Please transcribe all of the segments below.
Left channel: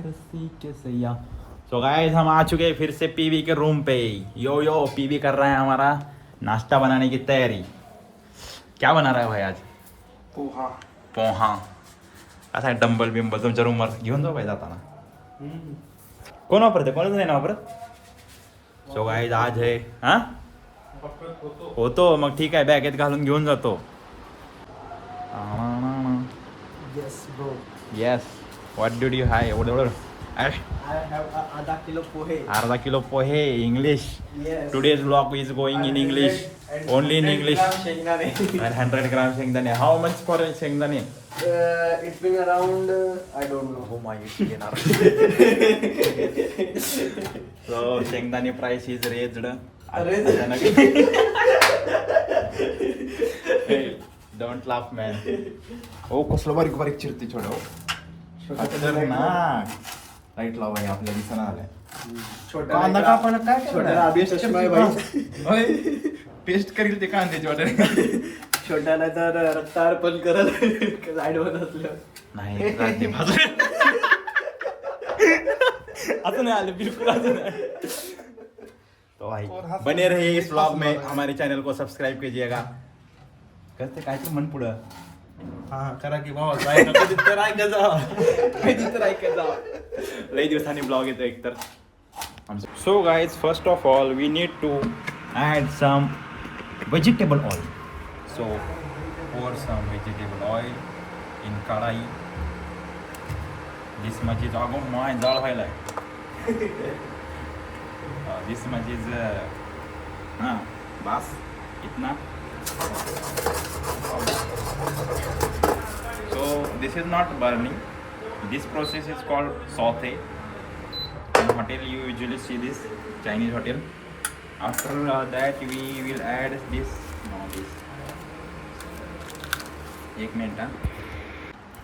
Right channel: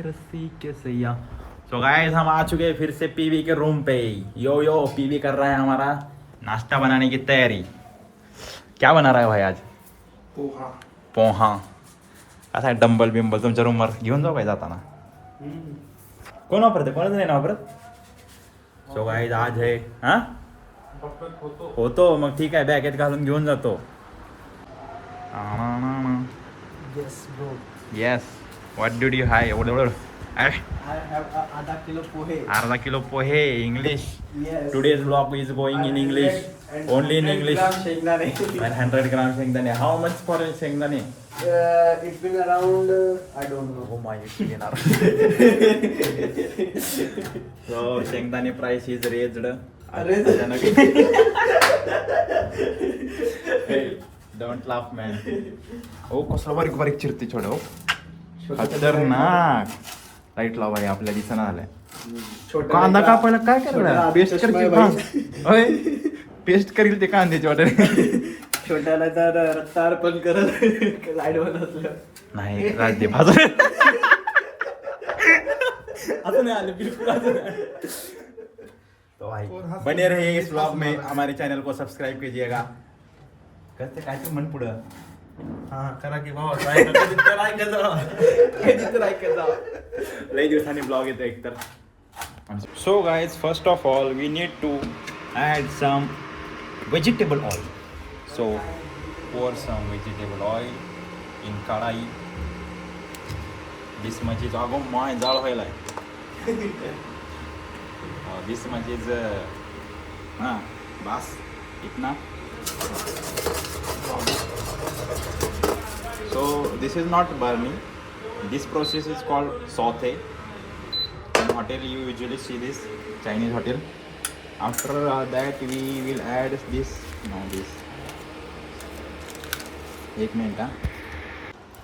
रस्सी के सैया। तो गाइस हम आ चुके हैं फिर से पीवी के रूम पे। यो यो पीवी कर रहा है हमारा नाश्ता बनाने की तैयारी। क्या बना रहा है भाई आज? पोहा। पोहा कसा आहे? डंबल बिंबल तुमच्या रूमवर घेऊन जाऊ काय जाताना? कोण वापरते? कोणच नाही ना वापरत. सो गाइस आज है हा होतो मग ठीक आहे बॅगेत घालून घेऊन जातो. Yes, bro. Yes what did you buy एवढं I have आधा किलो पोहे. अर्धा किलो पोहे English. Yes. Today's blog is going in English only in English. शेंगदाणे. and 100 ग्राम शेंगदाणे. हाऊ मच फॉर शेंगदाणे? It will around I don't know. हो माय येणार. सो शेंगदाणे price is raised. Don't laugh man. ओ कसलं बारीक बारीक चिरते छोड. हो खतरनाक. लाईट लाव भाई आपल्या दिसना झालंय. कांदा कापायला काय करणार? पेस्ट करील ते कांद्याची वाटेल. छोट्याला तर रक्तार्पण करत साईडवर असलं नाही राज्य भाजून आता नहीं आले बिल्कुल आता नहीं. तो भाई बने रहिए इस व्लॉग में. हमारे चैनल को सब्सक्राइब कीजिएगा. करते काय तर मन पुढं. हा करा की बाबा कधी तर ऐकत जा. लई दिवसांनी ब्लॉग येतो एकतर. So guys first of all we need to add some vegetable oil. So pour some vegetable oil in कढाई. This much is अगो माय जाळ व्हायला. This much is हाँ बस इतना. So this is not burning. This process is called saute. In hotel you usually see this, Chinese hotel. After that we will add this. एक minute.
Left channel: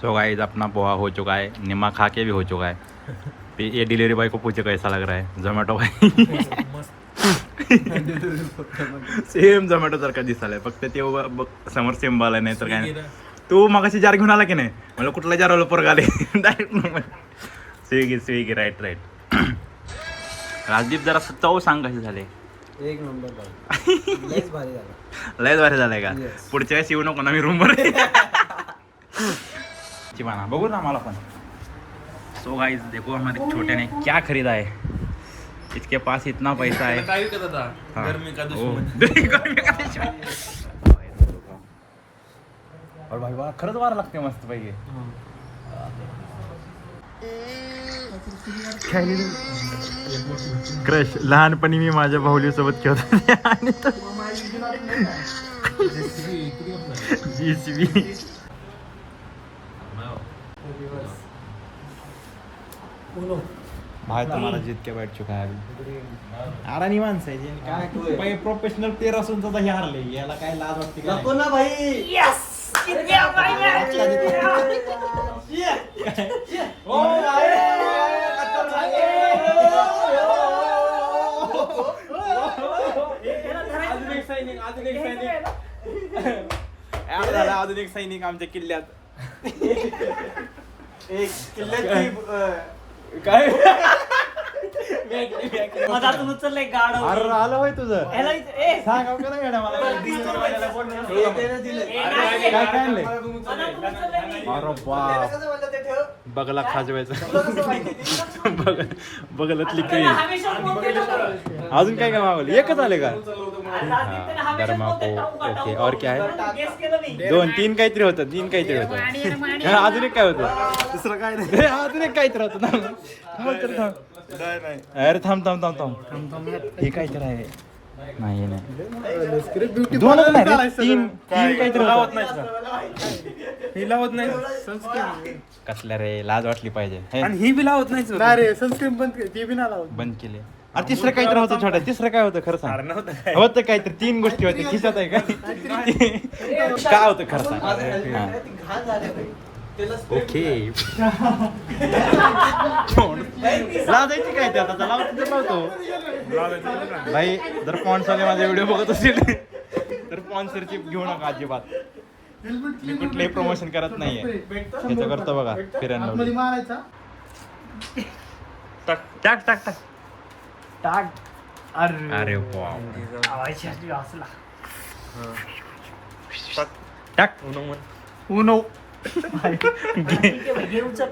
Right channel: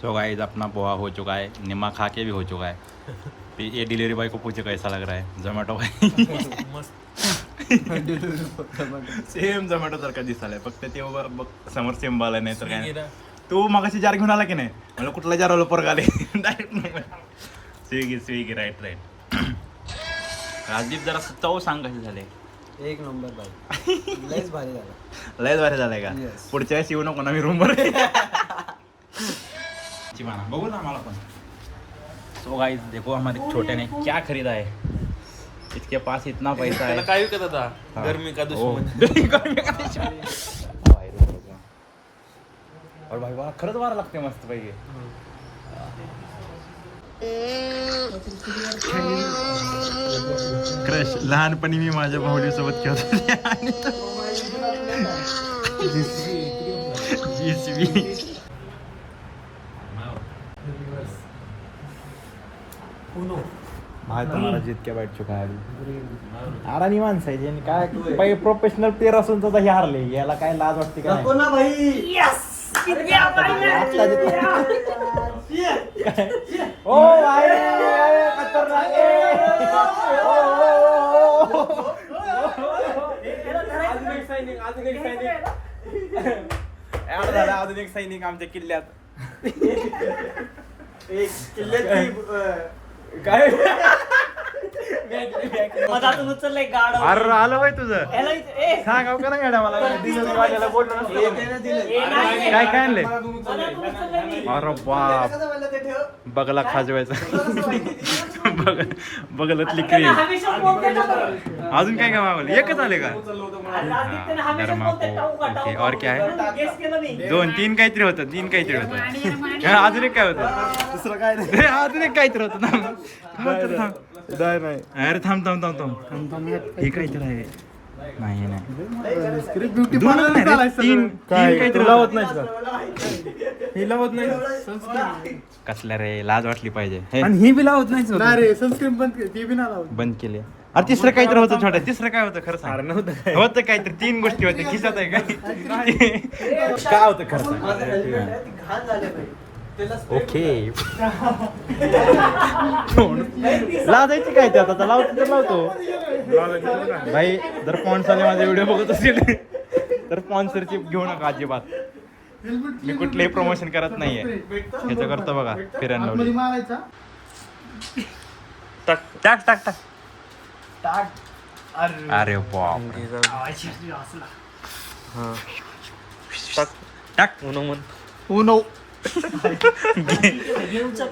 So guys अपना पोहा हो चुका है. निम्मा खा के भी हो चुका है. ये डिलीवरी बॉय को पूछे कैसा लग रहा है. जोमॅटो भाई सेम जोमॅटो सारखा दिसायला. फक्त ते समोर सेम आला नाही तर काय नाही. तू मगाशी जार घेऊन आला की नाही? मला कुठला जार आलो पोरगा आले डायरेक्ट स्विगी राईट. राजदीप जरा चव सांग कसे झाले. एक नंबर भाई. लयच भारी झाला. लयच भारी झालंय का? पुढच्या वेळेस येऊ नको ना मी रूमवर. चिमाना बघू ना मला पण. तो गाइस देखो हमारे छोटे ने क्या खरीदा है. इसके पास इतना पैसा है. काय विकत होता? गर्मी का दुश्मन. और भाई वाह खरंच वारा लागते मस्त पैकी. क्रश लहानपणी मी माझ्या भाऊली सोबत खेळत होते आणि जीसीबी. भाई तुम्हारा जीत के बैठ चुका है अभी. आरानी माणसं आहे काय पहिले प्रोफेशनल प्लेअर असून तर हे हारले. याला काय लाज वाटते का? नको ना भाई. अजून एक सैनिक आमच्या किल्ल्यात. एक किल्ल्यात काय मधातून उचललंय गाड. अरे आलं होय तुझं. सांग का नाही मॅडम मला काय काय आणले. अरे बाप बगला खाजवायचा. बगलातली क्रीम. अजून काय काय मागवलं? एकच आले का? ओके और क्या है? दोन तीन काहीतरी होतं. अजून एक काय होतं? दुसरं काय नाही. अजून एक काहीतरी होतं ना. अरे थांब हे काहीतरी आहे. नाही दोन तीन काहीतरी लावत नाही. लावत नाही कसल्या रे. लाज वाटली पाहिजे. आणि ही बी लावत नाही रे. सनस्क्रीन बंद केली. अरे तिसरं काहीतरी होतं छोट्या. तिसरं काय होतं खरं सांग. होतं काहीतरी. तीन गोष्टी होत्या खिशात आहे का? काय होतं खरं सांग. ओके लाजायची काय ते आता लावतो. भाई जर स्पॉन्सरने माझे व्हिडिओ बघत असतील तर स्पॉन्सरची घेऊ नका अजिबात. मी कुठलेही प्रमोशन करत नाहीये. त्याचं करतो बघा फिरायला. टाक टाक टाक टाक. अरे बाप आवाज असला. टाक उनो घे उचल.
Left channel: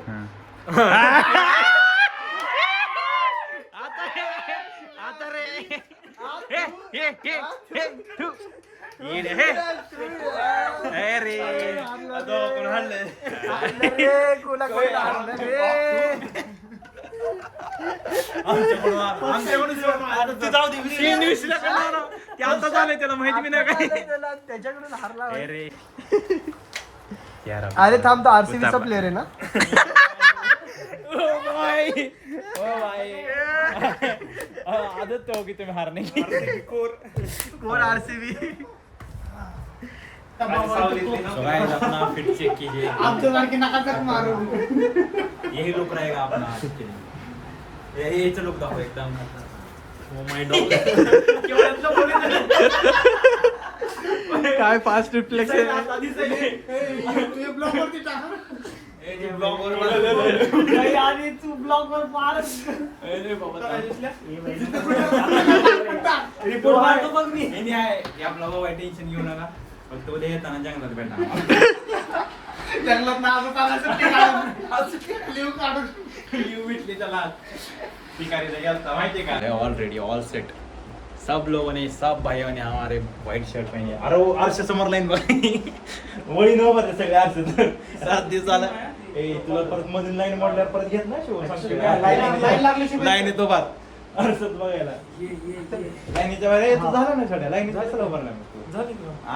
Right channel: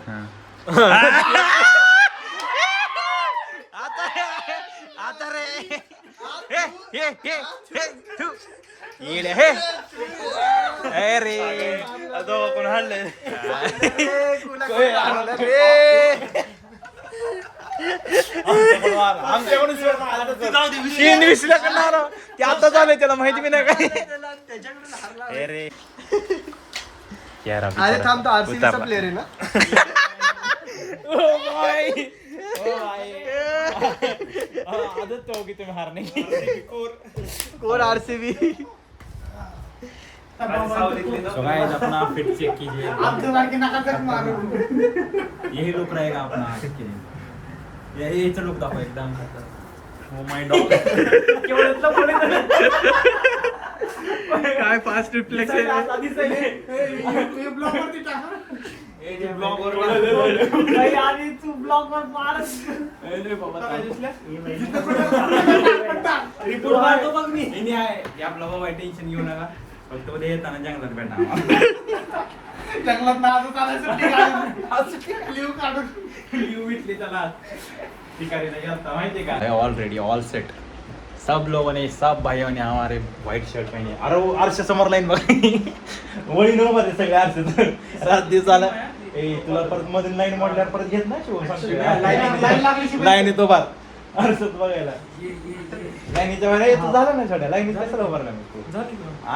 आता रे हे हे हे हे तू ये रे हे अरे आता कोण हाणले ते आता झालंय त्याला माहिती बी नाही काय त्याच्याकडून हारला. अरे अरे थांब तो आरसीबीचा प्लेअर आहे ना आदत तो की तुम्ही हारणे कोण आरसीबी तो गाइस अपना फिट चेक कीजिए यही लुक रहेगा अपना फिट यही लुक दाखव एकदम ओ माय डॉग काय फास्ट रिफ्लेक्स आहे नाही, आणि तू ब्लॉग वर मारत. रिपोर्ट मारतो बघ मी हे आहे आपला बाबा टेन्शन घेऊ नका फक्त उद्या येताना जंगलात भेटणार जंगलात ना ऑलरेडी ऑल सेट सब लोगों ने सब भाइयों ने हमारे व्हाइट शर्ट पहनी अरे वो अर्श समोर लाईन बघ वळी न बघ सगळे अर्श रात दिवस आला ए तुला परत मधून लाईन मोडल्यावर परत घेत ना लाईन येतो बार अर्षत बघायला लाईनीच्या बाहेर तू झालं ना छोट्या लाईनीत कशाला उभारला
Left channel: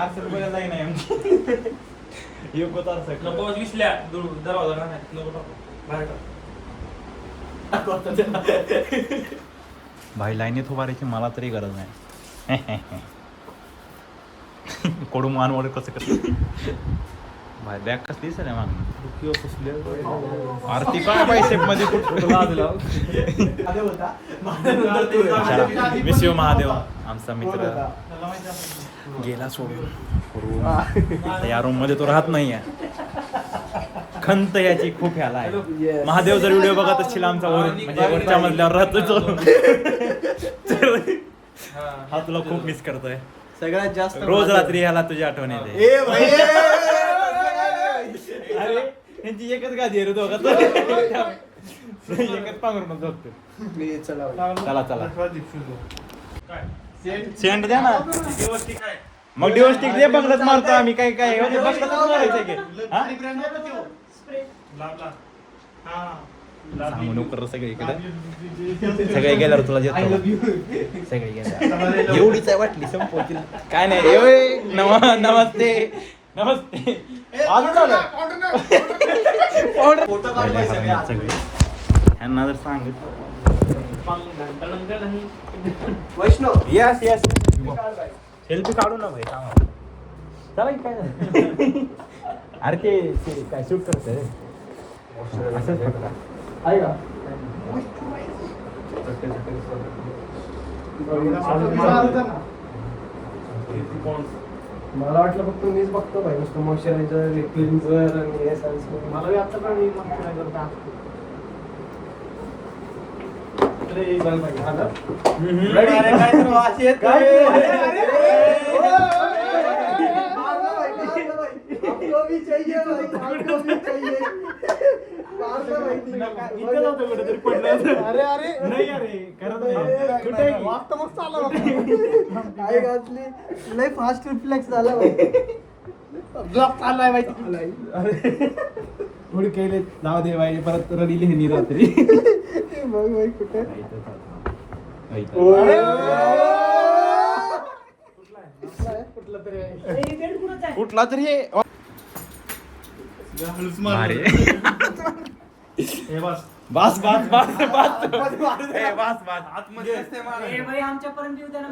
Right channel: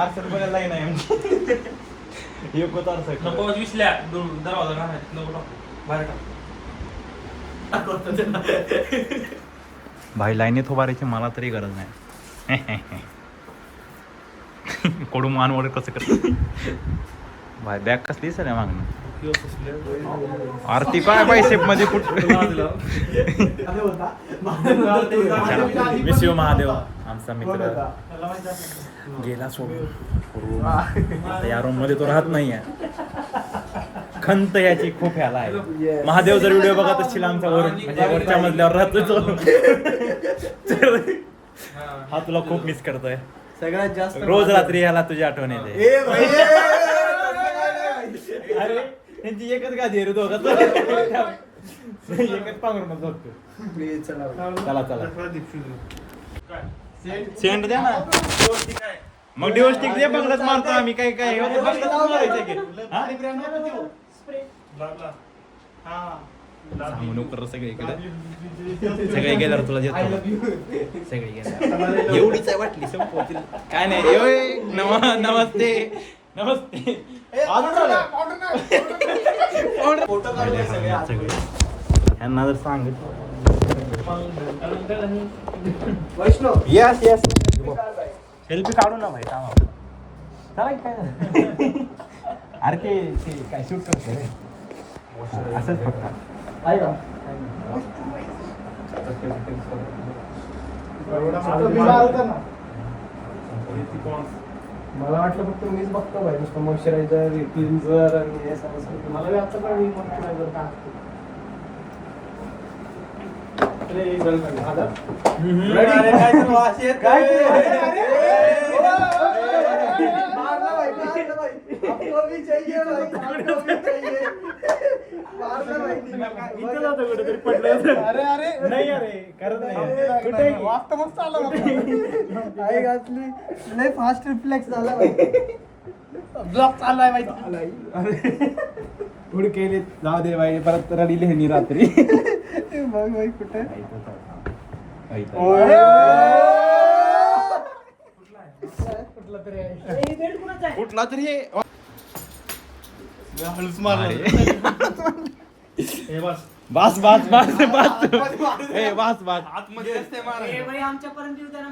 अर्षत बघायला लाईन आहे आमची योग होता अर्षत नको विसल्या दरवाजा नको बाहेर भाई लाईनीत उभारायची मला तरी गरज नाही कडू मानवड कसं करत भाई बॅग कसली सर मागणी आरती काय बायसेप मध्ये विश्व महादेव आमचा मित्र गेला सोडून रूम या रूम मध्ये तो राहत नाहीये खंत याची खूप ह्याला आहे महादेव जर व्हिडिओ बघत असतील आमचा वरून म्हणजे वरच्या मजल्यावर राहतो हा तुला खूप मिस करतोय सगळ्यात जास्त रोज रात्री ह्याला तुझी आठवण येते अरे त्यांची एकच गादी आहे रे दोघं एकच पांघरून झोपतो चला चला सेंट द्या ना मग डिओस्टिक दे बंगलाच मारतो आम्ही काय काय बंगलाच मारायचं की सांगू नको सगळीकडे सगळे गेल्यावर तुला देतो सगळे गेल्यावर एवढीच आहे वाटली संपवतील काय नाही नमस्ते नमस्ते सगळे ह्यांना जर सांगितलं वैष्णव यस यस सेल्फी काढू ना भाई काम चला की काय झालं अरे ते काय शूट करतोय रे असंच फक्त आहे का मला वाटलं फक्त मीच बघतो भाई नुसतं मॉइश्चरायझर क्लिन्झर आणि हे सगळं मला बी आता पण मॉइश्चरायझर अरे अरे नाही अरे करत नाही वाटतं मग चालू काय घातली लय फास्ट रिफ्लेक्स झाला भाई ब्लॉक चाललाय माहिती थोडी केले जाऊ दे बाई परत रडीले ह्यानी रात्री बघ बाई कुठे कुठला तरी बस बस बस आतमध्ये असते मारा ए बाई, आमच्यापर्यंत येऊ दे ना.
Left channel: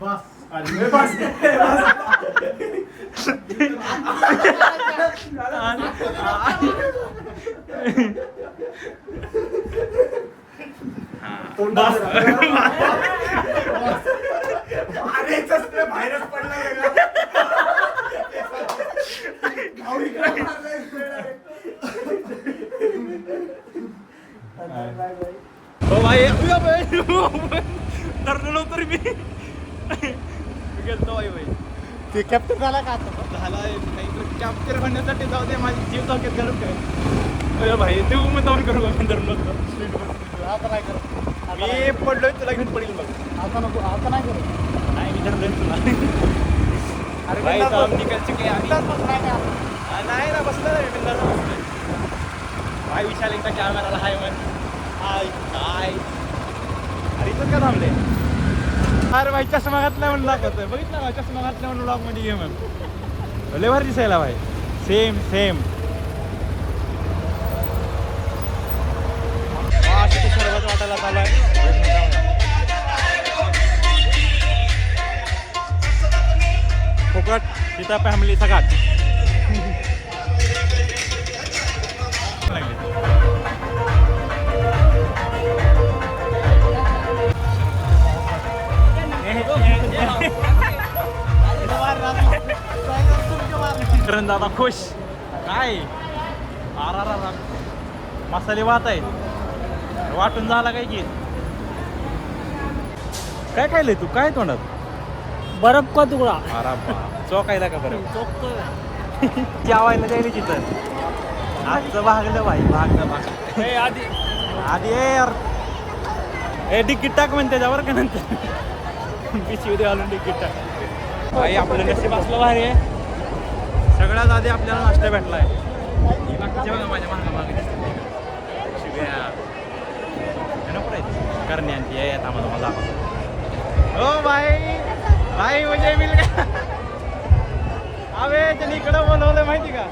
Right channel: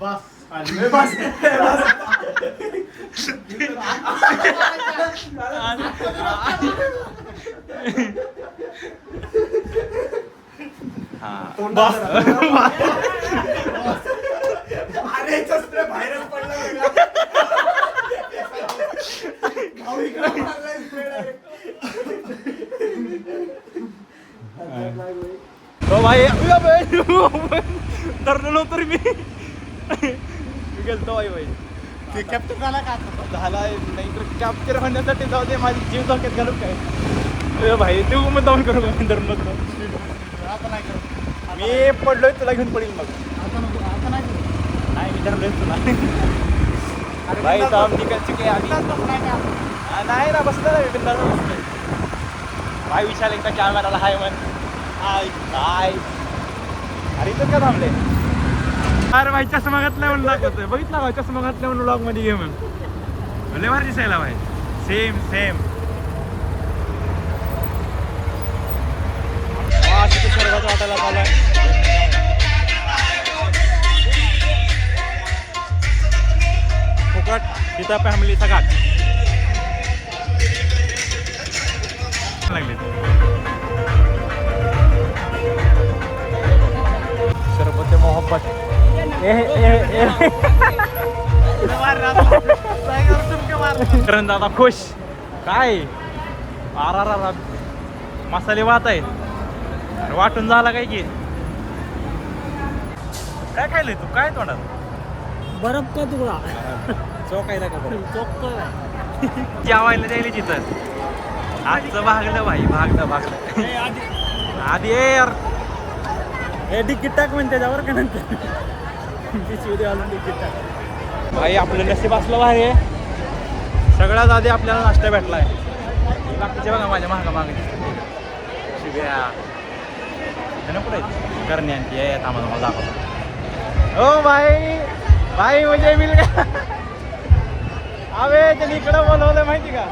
बस हो भाई धरलं नव्हतं मी गेलतो भाई कॅप्चर झाला का आता झालाय नाहीतर कॅप्चर होण्यासाठी जाऊ दे माझी जीव धोक्यात घालून काय भाई तू मग जाऊन करू मी धरून नसतो आता नाही करत मी पडलोय तुला घेऊन पडेल मग आता नको आता नाही करत नाही मी धरलोय तुला भाई तो हम निकल चुके हैं अभी नाही ना बसला ना बिंदास बसलोय भाई विशाल एकदा कॅमेराला हाय म्हण हाय हाय अरे इथं का थांबले अरे भाई चष्मा घातला म्हणून दाखवतोय बघितला भाई चष्मा घातला म्हणून ब्लॉग मध्ये घे म्हण लय भारी दिसायला भाई सेम सेम वा तिथे सर्वात वाटायला चालू आहे फुकट तिथं फॅमिलीचा घाट लागले सरबत मोहब्बत करण दादा खुश काय आरा मसाले वाहत आहेत वाटून झाला काय की काय खायलंय तू काय तोंडात बर्फ का तुकडा चौकायला का बरं चोख जेवायला द्यायला तिथं आजचं भागलं भाई भागलं आधी यार हे तिकीट टाक म्हणते त्याच्यावर का नंतर पिशवी घालून तिकीट टाक भाई आपलं नशीब असलं भारी आहे सगळ्यात आधी आपल्याला नाश्ता भेटलाय ही बाकीचे बघा माझ्या महागा मागे नको राहील करणे आणि ती येत आम्हाला मला दाखवतो हो भाई म्हणजे मिल का अबे त्यांनी इकडं बोलवलं माहिती का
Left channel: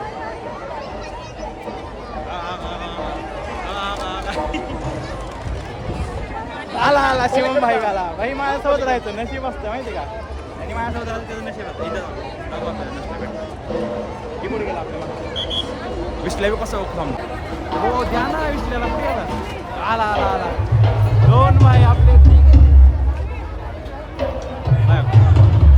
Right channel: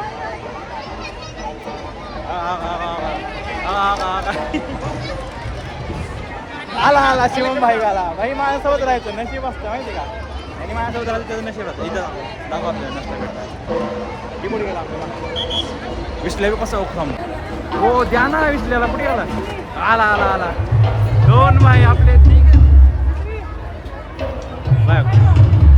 आला शिवम भाई आला भाई माझ्यासोबत राहायचं नशीब असतं माहिती का आणि माझ्यासोबत राहिलं त्याचं नशीब असतं इथं दाखवा आपल्याला नसतं भेटतं की पुढे गेला आपल्याला विसल्या बी कसं ओळखून हो द्या ना विसल्याला पुढे गेला आला दोन भाई आपले ठीक आहे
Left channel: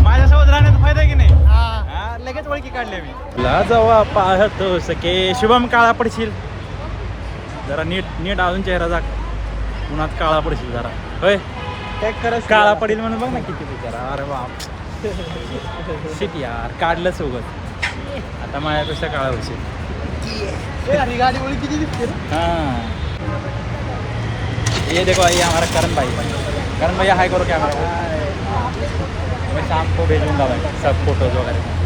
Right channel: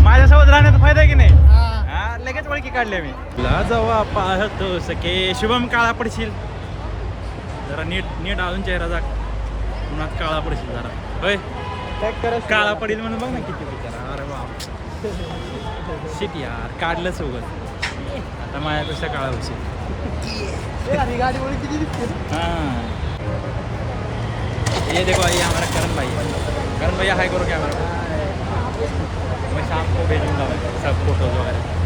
माझ्यासोबत राहण्याचा फायदा आहे की नाही हा लगेच ओळखी काढल्या मी ला जावा पाहतो सके शुभम काळा पडशील जरा नीट अजून चेहरा जा पुन्हा काळा पडशील जरा होय काळा पडेल म्हणून बघ ना किती बिचारा अरे बाप शिट यार काढलं सोबत आता माझ्यापेक्षा काळा होशील हाँ ये देखो ये हमारा करण भाई है करण भैया हाई करो कैमरा को मैं शाम को भेजूंगा भाई सब फोटोज वगैरह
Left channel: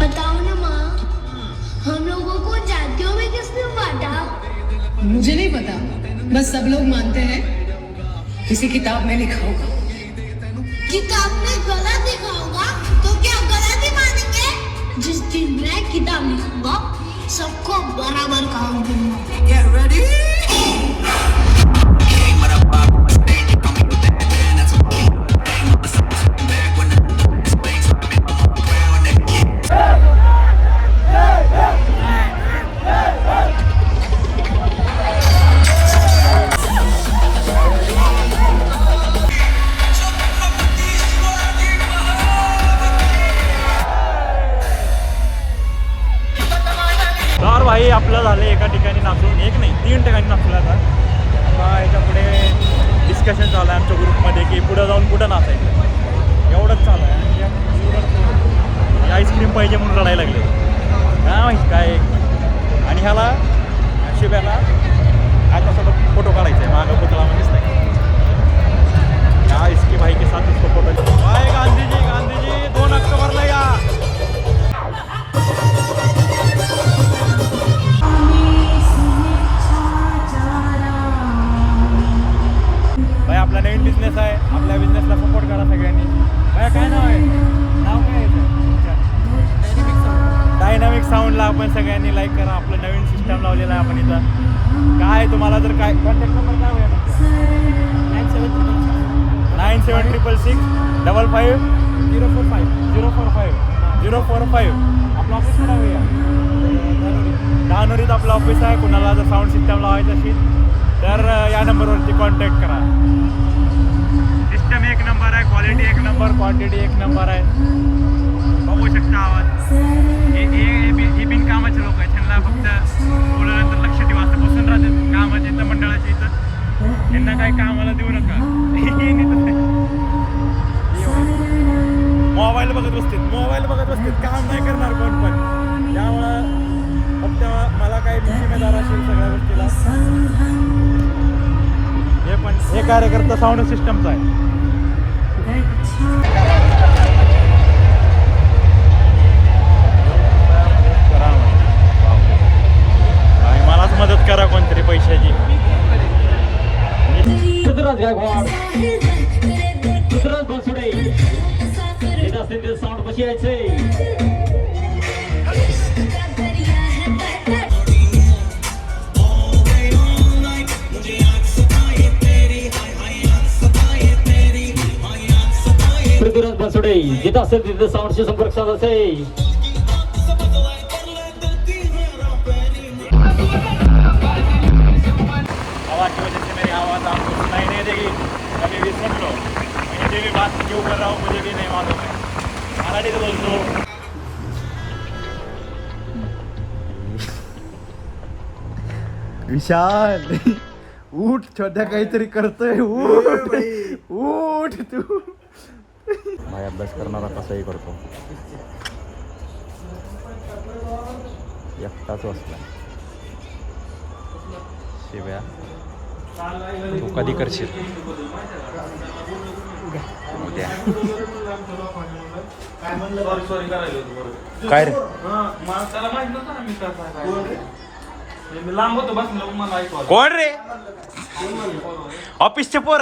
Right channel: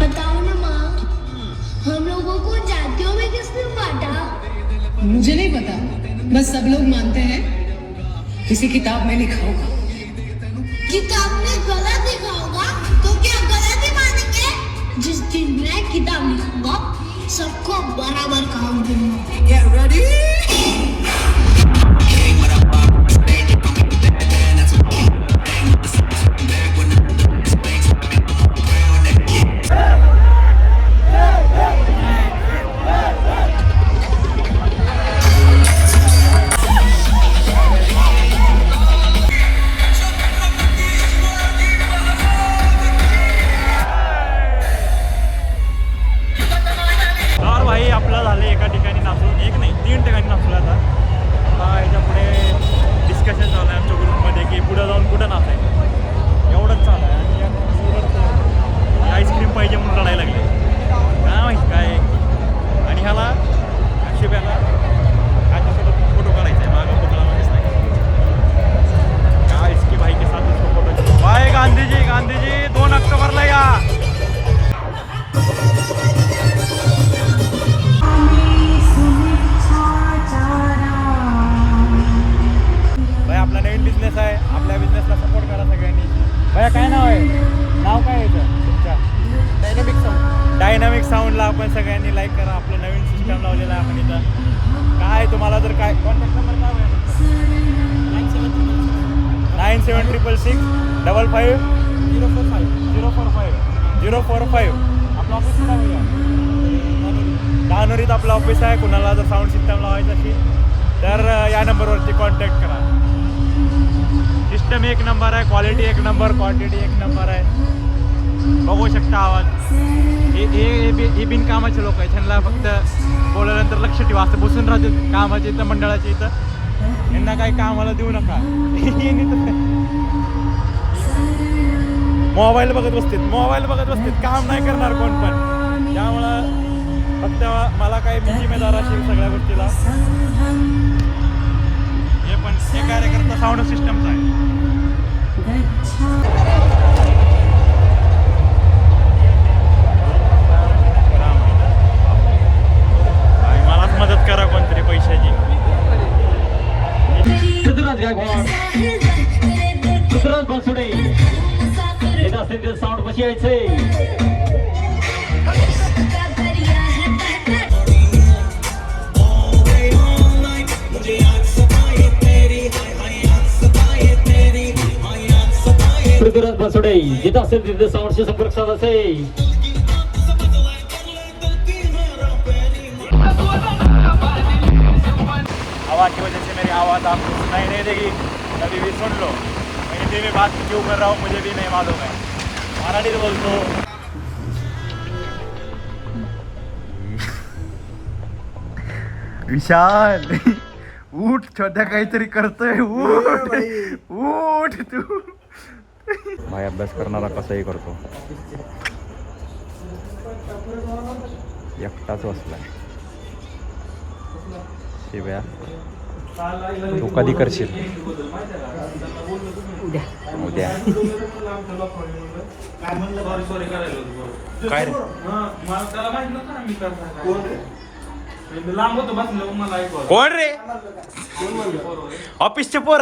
बताओ ना माँ हम लोगों को जातियों में किसने बांटा? मुझे नहीं पता बस सब लोग मानते हैं किसी किताब में लिखा होगा किताब में गलत लिखा होगा तो क्या गलत ही मानेंगे? जिस दिन मैं किताब लिखूंगा सबको बराबर काम दूंगा। भाई आपलं झालं एका ठिकाणी नाचून एक नाही 3 ठिकाणी नाचलं आता याच्या पुढे डिस्कशन चालू आहे आमच्या ग्रुपमध्ये की पुढं जाऊन कुठं नाचायचं एवढंच चालू आहे आणि आईस्क्रीम पाहिजे म्हणून रडायला लागले काय माहिती काय आणि ह्याला शिव्याला ह्याच्यासोबत फोटो काढायचा आहे मागं पुतळामध्येच नाही काय इसकी भाई के साथ इसको फोटो भाई गांधीजी 2 ऑक्टोबरला या भाई आपला नवीन बिझनेस आहे आपल्या बिझनेसला सपोर्ट करा सगळ्यांनी भैया काय नाव आहे नाव काय आहे पेजला आपण सगळ्यांनी लाईक करा. आपलं नवीन सिस्टम लावलेलं आहे आपण इथं. काय तुम्हाला जर काय कॉन्टॅक्ट नंबर काय होईल 9766555045 आपलं ऑफिस कुठं होऊया दहानोरीत आपलं ऑफिस आहे. कुणाला जर साऊंड सिस्टम लावायचं असेल तर या नंबरवरती कॉन्टॅक्ट करा. सिस्टम एक नंबर आहे, क्वालिटी एक नंबर, क्वांटिटी एक नंबर आहे. बघू शकता आवाज. हे बिनकामाचे लोक आहेत. त्यांना फक्त बोलल्यानंतर लक्ष ठेवा. असं बसून राहते कामाच्या इथं मंडळाच्या इथं. यांना काही कामाला देऊ नका. मोबाईल बघत बसतात काम नाही करणार कोण पण. त्यामुळं फक्त मला काही मी जिम्मेदार असेल सगळ्या गोष्टीला. हे कार्यकर्ता साऊंड सिस्टमचा आहे. करा भाई, मलाच मदत करा कोणतरी पैशाची. साऊंड कशी यायचंय पृथ्वीराज बनसोडे जिथं असेल तिथे साऊंडशी संपर्क साधायचा आहे. हवा की वजह से मेरी आवाज़ आपको सुनाई नहीं देगी. कभी भी सुन लो. मैं हिंदी में बात क्यों कर रहा हूँ मुझे भी नहीं मालूम है. मराठी तो बोलतो. विशाल उठ, छोट्या काहीतरी करतोय. उठ तू. भाई अभ्यास करणारा कसाही करतो. एकटाच बसलाय. शिव्या तू कधी करशील? उद्या. काय रे कोण रे? ऑफिसचे पोर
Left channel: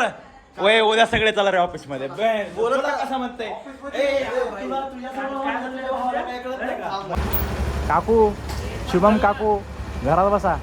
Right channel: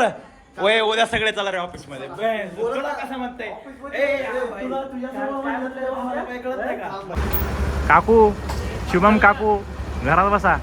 वय उद्या सगळे चला रे ऑफिस मध्ये. कसं म्हणते काकू, शुभम काकू घरात बसा.